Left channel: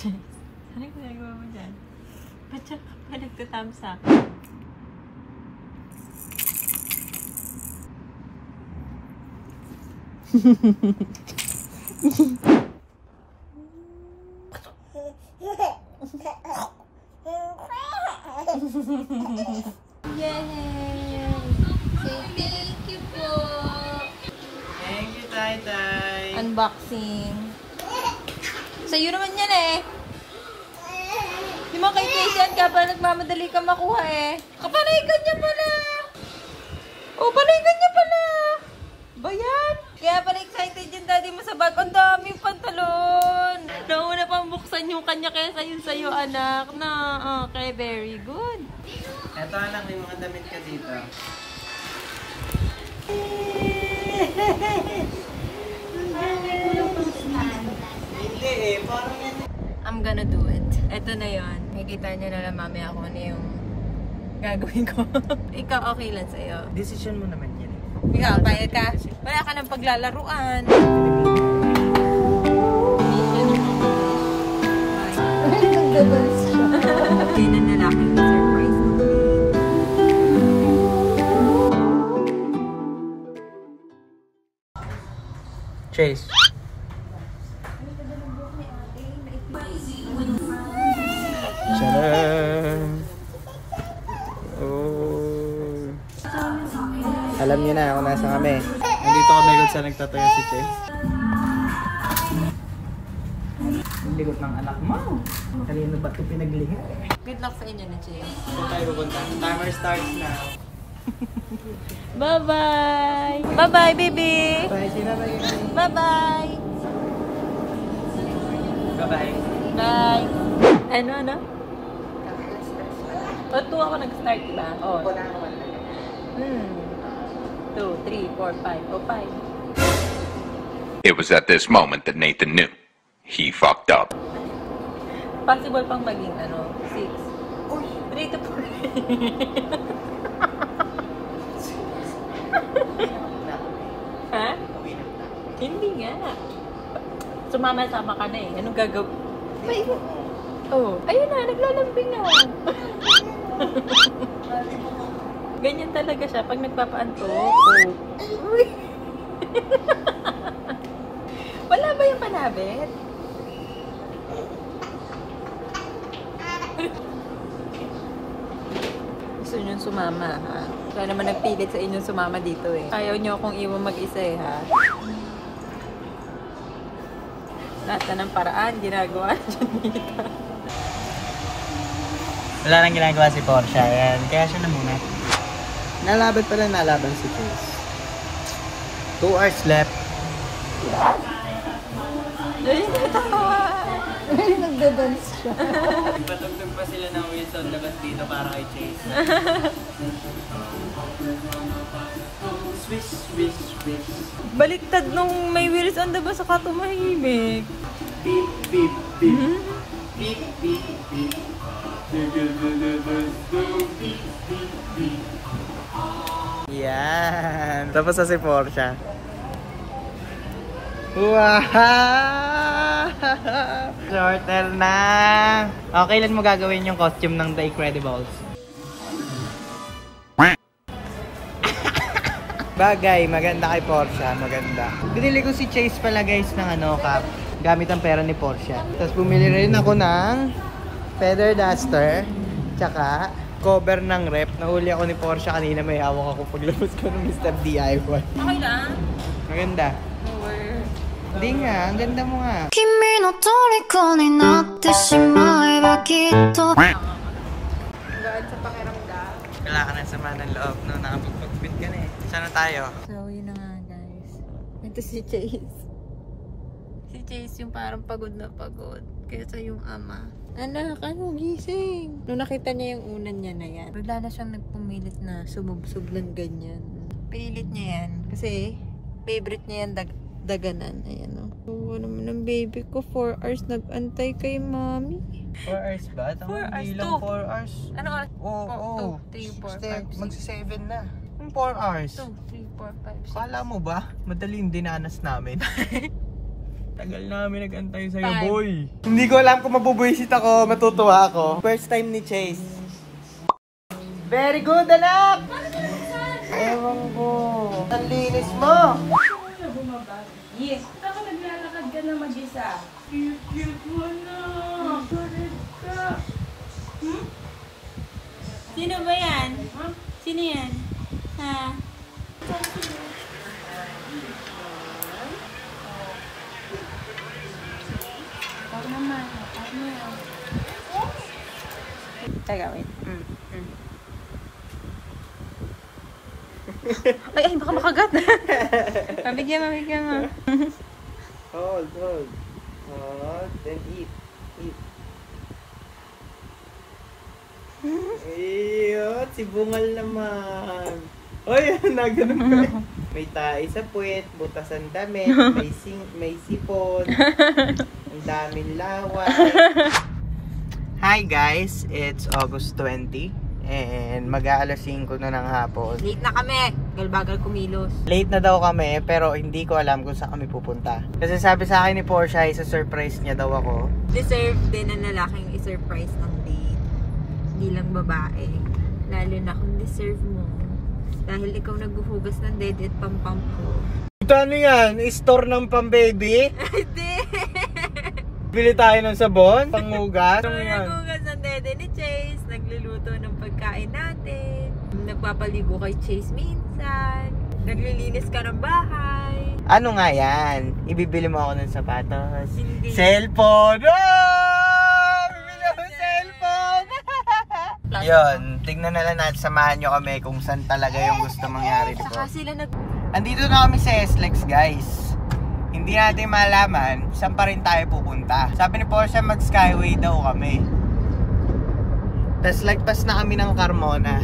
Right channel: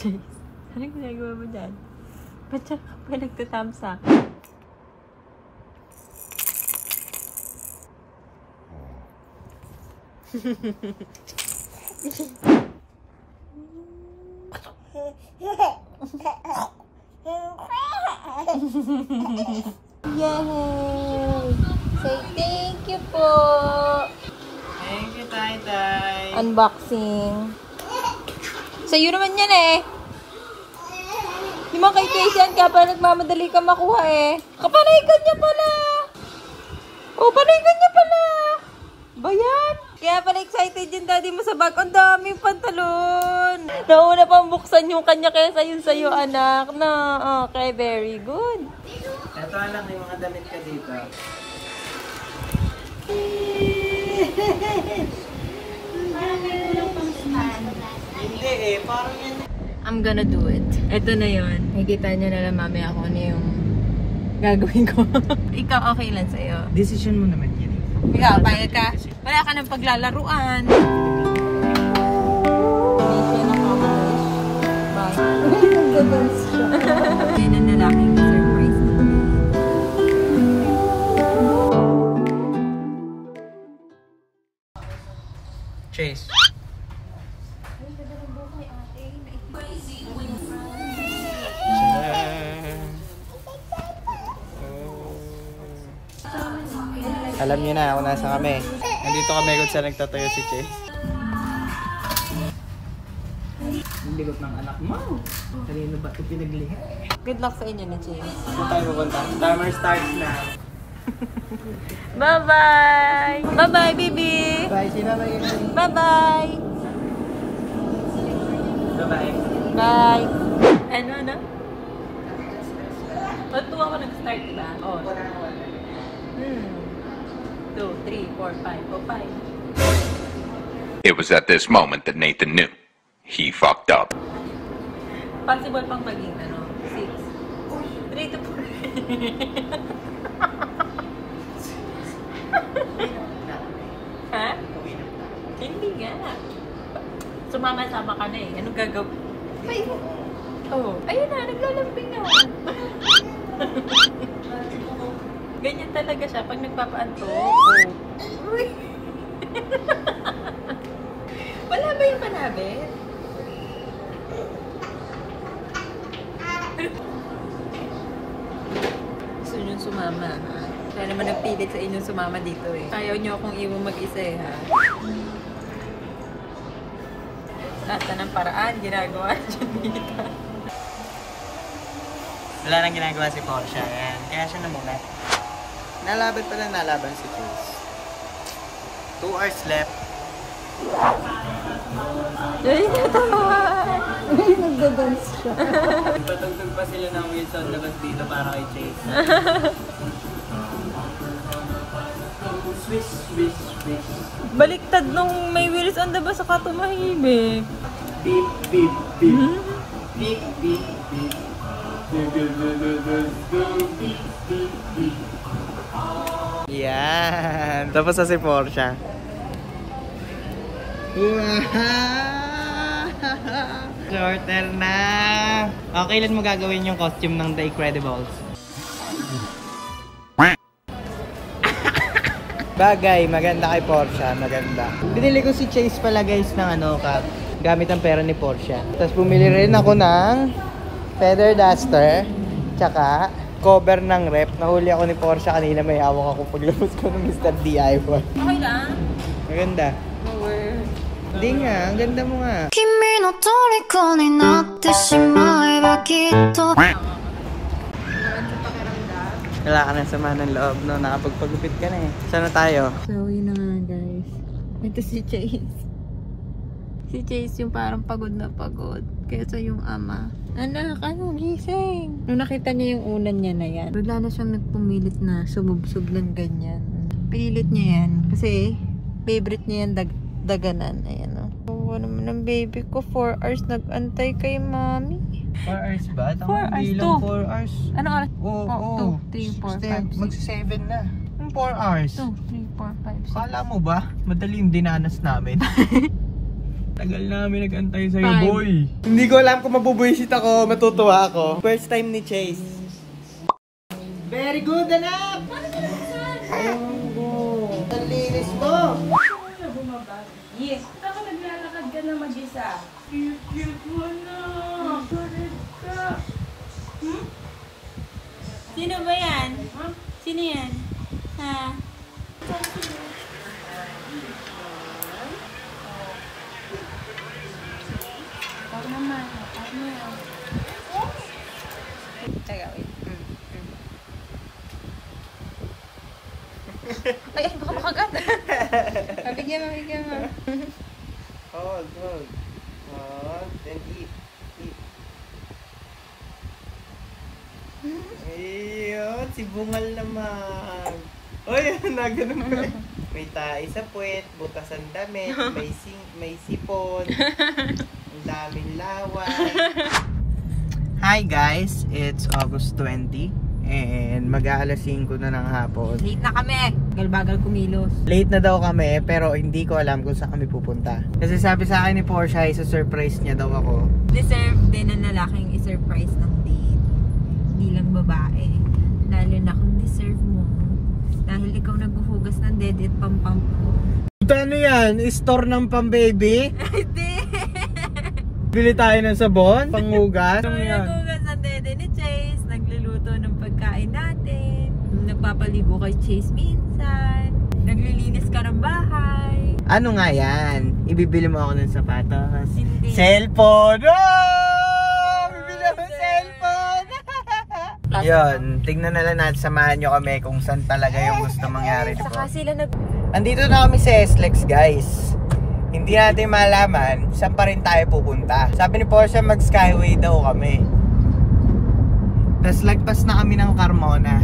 Chase, ano yung ginagawa mo dyan? Ba't siya pa nagtatams up? Yay! Say thank you po! Thank you, Tay-Tay! Unboxing. Sa'yo naman yan eh. Di mo kay Casey yan ka pa nagmamadali ka makuha eh. Kapalikan niya pala. Oh, palikan niya pala. Ba yan? Kaya pala excited yung daddy mo sa bag. Ang daming pantalon. Nauna pang buksan yung kanya kaysa yun sa'yo, anak. Na, okay, very good. Ito anak, may mga damit ka dito. Hindi eh, parang yan. I'm gonna do it. Ito na yun. Nakikita niya na lang mamaya ako na yung gagawin ko. Ikaw, okay lang sa'yo. Decision mo naman yun. Ikaw, bayad ka. Wala ka ng paglalaruan. Bye. Yan ang lalaking surprise. Chase. Alam niyo na kung nasa kami. Nandito kami kung saan nagtatayo si Chase. Ang ligot ng anak mo. Kanino ba ito pinaglihi? Good luck sa inyo na, James. Saan tayo pupunta? Timer starts now. Bye-bye! Bye-bye, baby! Bye, sila ba yun? Bye-bye! Bye-bye. Bye! Ano? Ito ako nag-start na. Oh. 2, 3, 4, 5. It was at this moment that Nathan knew. He fucked up. Possible pang maging 6. 3 to 4. Ha? Hindi nga. Sumama-sama ka na eh. Anong gagawin? Oh, ayun na. Naglalambing na. Ganyan talaga siya pag nagpapaanto. Wala ba yung panabit? Gusto nyo sumama, ha? Kaya naman nagpilit sa inyong sumama dito eh. Ayaw nyo akong iwan mag-isa eh, ha? Nasa ng paraan, ginagawa siya dito. Wala nang ginagawa si Porsche. Ayan. Kaya siya na muna. Nalaban pala nalaban si Chase. 2 hours left. Ay, natawa! Ay, nagda-dance siya. Patugtog pa sila ng Wilson labas dito para kay Chase. Swish, swish, swish. Baliktad nung may wheels on the bus saka tumahimik. Beep, beep, beep. Beep, beep, beep. Yan. Tapos na si Porsche. Wow! Shorter na! Okay, kailan mo gagawin yung costume ng The Incredibles? Bagay, maganda kay Porsche, maganda. Binili ko si Chase pala guys ng cap. Gamit ang pera ni Porsche. Tapos bumili rin ako ng feather duster, tsaka cover ng rep. Nahuli ako ni Porsche kanina, may hawak ako paglabas ko ng Mr. DIY. Okay lang? Maganda. Hindi nga, ang ganda mo nga. Kimi no toriko ni natte shimaeba kitto. Wala ka ng sama ng loob, no? Nakapagpagupit ka na eh. Saan na tayo? So, yun na nga guys. Ito si Chase. Si Chase yung parang pagod na pagod. Kaysa yung ama. Anak, ano? Gising! Nung nakita niya yung unan niya na yan, bigla na siyang nagpumilit na sumubsub ng ganyan. Pinilit niya yan. Kasi, favorite niya yung daganan. Ayan o. Oh, naman ang baby ko. 4 hours nag-antay kay mami. 4 hours ba? 4 hours, 2. 4 hours. Ano oras? Oo. 2, 3, 4, 5, 6. Magsa-7 na. 4 hours. 2, 3, 4, 5, 6. Kala mo ba? Madali yung dinanas namin. Tagal namin nag-antay sa'yo, boy. Hindi ko alam kung mabubuisit ako, matutuwa ako. First time ni Chase. Very good, anak! Ewan ko. Ang linis mo. Yes. Ako naglalakad ka na mag-isa. Cute mo na. Kulit ka. Sino ba yan? Sino yan? Ha? Huwag naman. Huwag mo yan. Teka, wait. Ay, baka makagat. Mabigyan mo. Hold. Then eat. Ayun, si Bungal naman. Oy, nagano'n pa. May tae sa puwet, butas ang damit, may sipon, ang daming laway. Hi guys, it's August 20 and mag-aalas 5 na ng hapon. Late na kami. Bagal kumilos. Late na daw kami pero hindi ko alam kung saan kami pupunta. Kasi sabi sa akin ni Portia, isa-surprise niya daw ako. Deserve din ng lalaking i-surprise ng date. Hindi lang babae. Lalo na kung deserve mo. Dahil ikaw naghuhugas ng dede at pampamp ko. Ano yan? Store ng pang-baby? Hindi! Bili tayo ng sabon? Panghugas? Naghuhugas ng dede ni Chase. Nagluluto ng pagkain natin. Nagpapaligo kay Chase minsan. Naglilinis ka ng bahay. Ano nga yan? Ibibili mo ako ng sapatos? Hindi. Cellphone! Oh! Bibili ako ng cellphone! Yun, tingnan na lang natin, samahan nyo kami kung saan talaga yung gusto mangyari dito. Saka sila Andito na kami sa SLEX guys. Hindi natin malaman saan pa rin tayo pupunta. Sabi ni Portia mag Skyway daw kami. Tapos lagpas na kami ng Carmona.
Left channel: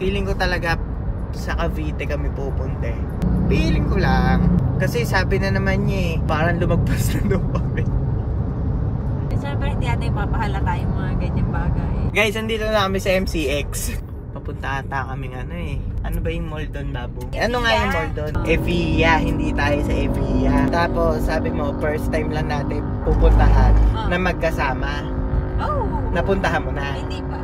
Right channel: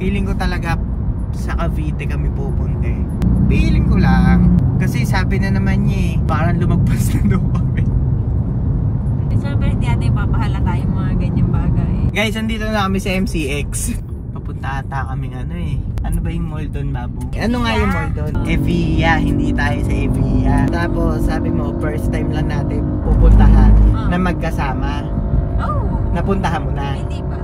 Feeling ko talaga sa Cavite kami pupunta. Feeling ko lang. Kasi sabi na naman niya parang lumagpas na daw kami. Siyempre hindi natin papahalata yung mga ganyang bagay. Guys, andito na kami sa MCX. Papunta ata kaming ano ba yung mall doon, babu? Ano nga yung mall doon? Evia, hindi tayo sa Evia. Tapos sabi mo, first time lang natin pupuntahan na magkasama. Oh! Napuntahan mo na? Hindi pa.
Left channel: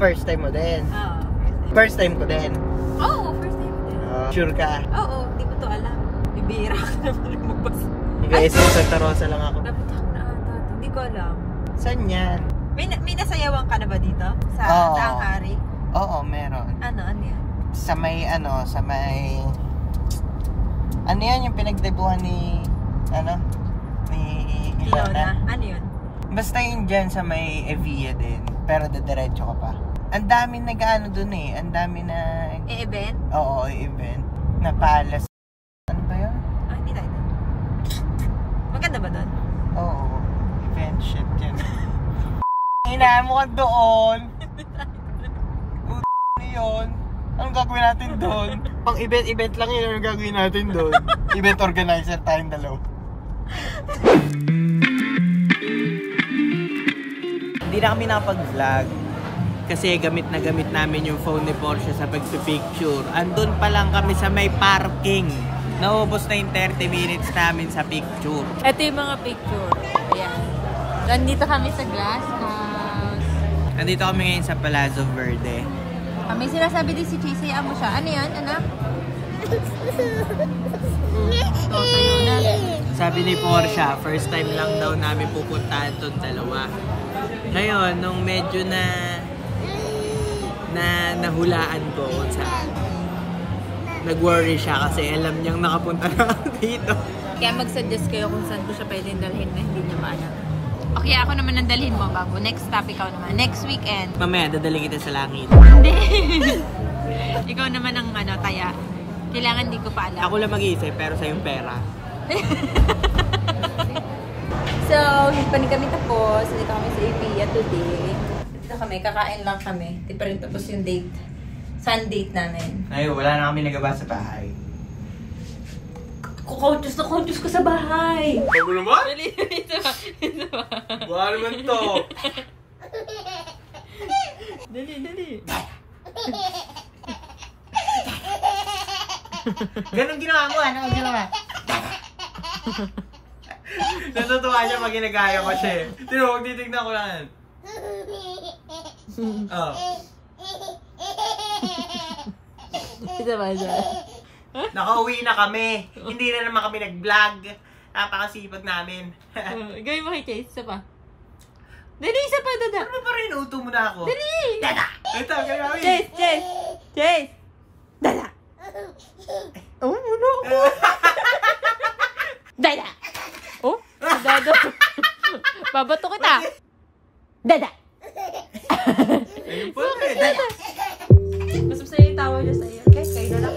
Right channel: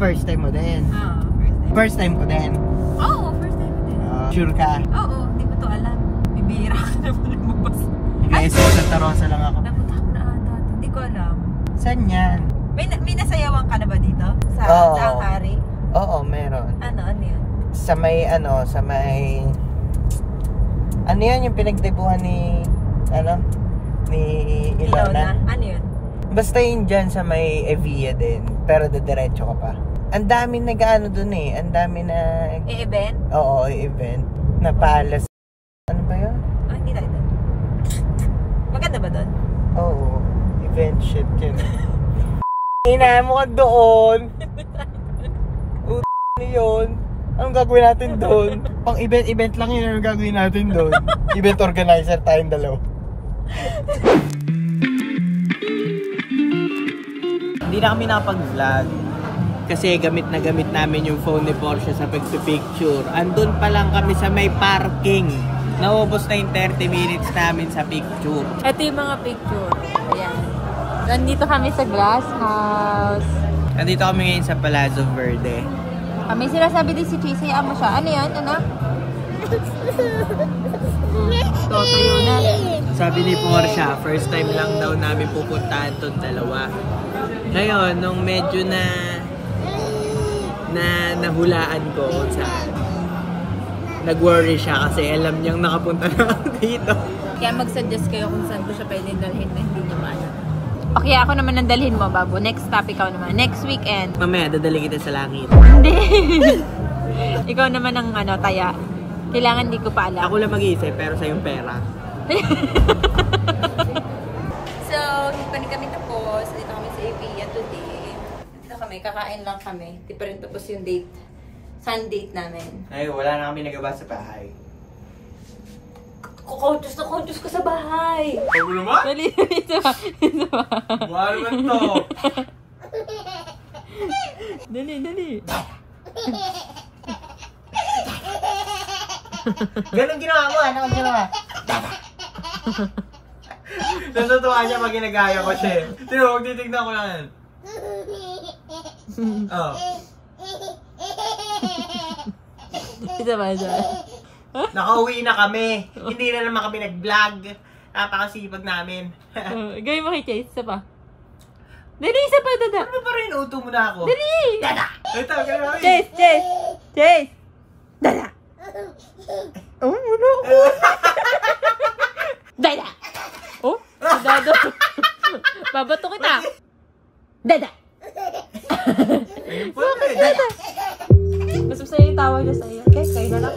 First time mo din? Oo, First time ko din? Oo, first time ko din. Sure ka? Oo, hindi mo to alam. Bibira ka naman lumabas. Guys, sa Santa Rosa lang ako. Napunta ko na ata. Hindi ko alam. Saan yan? May nasayawan ka na ba dito? Sa Hari? Oo, meron. Ano yun? Sa may ano yan yung pinagdebuhan ni Ilona? Ano yun? Basta yun dyan sa may Evia din, pero diretso ka pa. Ang dami nag-ano dun ang dami na E-event? Oo, event na palace. Ano ba yun? Hindi tayo doon. Maganda ba doon? Oo, event shit yun. Inahan mo ka doon. Yun. Anong gagawin natin doon? Pang event lang yun. Anong gagawin natin doon? Event organizer tayong dalawa. Hindi na kami nakapag-vlog. Kasi gamit namin yung phone ni Portia sa pagpipicture. Andun pa lang kami sa may parking. Naubos na yung 30 minutes namin sa picture. Ito yung mga picture. Ayan. Nandito kami sa Glass House. Nandito kami ngayon sa Palazzo Verde. May sinasabi din si Chase, hayaan mo siya. Ano yan, anak? Totoyo na. Sabi ni Portia, first time lang daw namin pupuntahan tong dalawa. Ngayon, nung medyo nahulaan ko kung saan, nag-worry siya kasi alam niyang nakapunta na dito. Kaya mag-suggest kayo kung saan ko siya pwedeng dalhin na hindi niya maalam. Okay, ako naman ang dalhin mo, Babu. Next stop, ikaw naman. Next weekend. Mamaya, dadali kita sa langit. Hindi. Ikaw naman ang taya. Kailangan di ko pa alam. Ako lang mag-iisip, pero sa yung pera. So, hindi pa rin kami tapos. Dito kami sa Evia today. Dito kami, kakain lang kami. Di pa rin tapos yung date. Sun date namin. Ay, wala na kami nagawa sa bahay. Kukontus ko sa bahay. Ano naman? Dali, sa bahay. Wala naman to. Dali. Ganun ginawa mo, ano ginawa? Natutuwa siya pag ginagaya ko siya. Sino, magtitignan ko lang. Oh. Isa ba? Nakauwi na kami. Hindi na naman kami nag-vlog. Napakasipag namin. Gawin mo kay Chase. Isa pa. Dali, isa pa, dada. Ano pa rin? Uto mo na ako. Dali! Dada! Ito, gawin namin. Chase! Dada! Oh, ano? Dada! Oh, dada. Babato kita. Dada! Ayun po. Dada! Mas masaya yung tawag niya sa'yo. Okay, kayo na lang.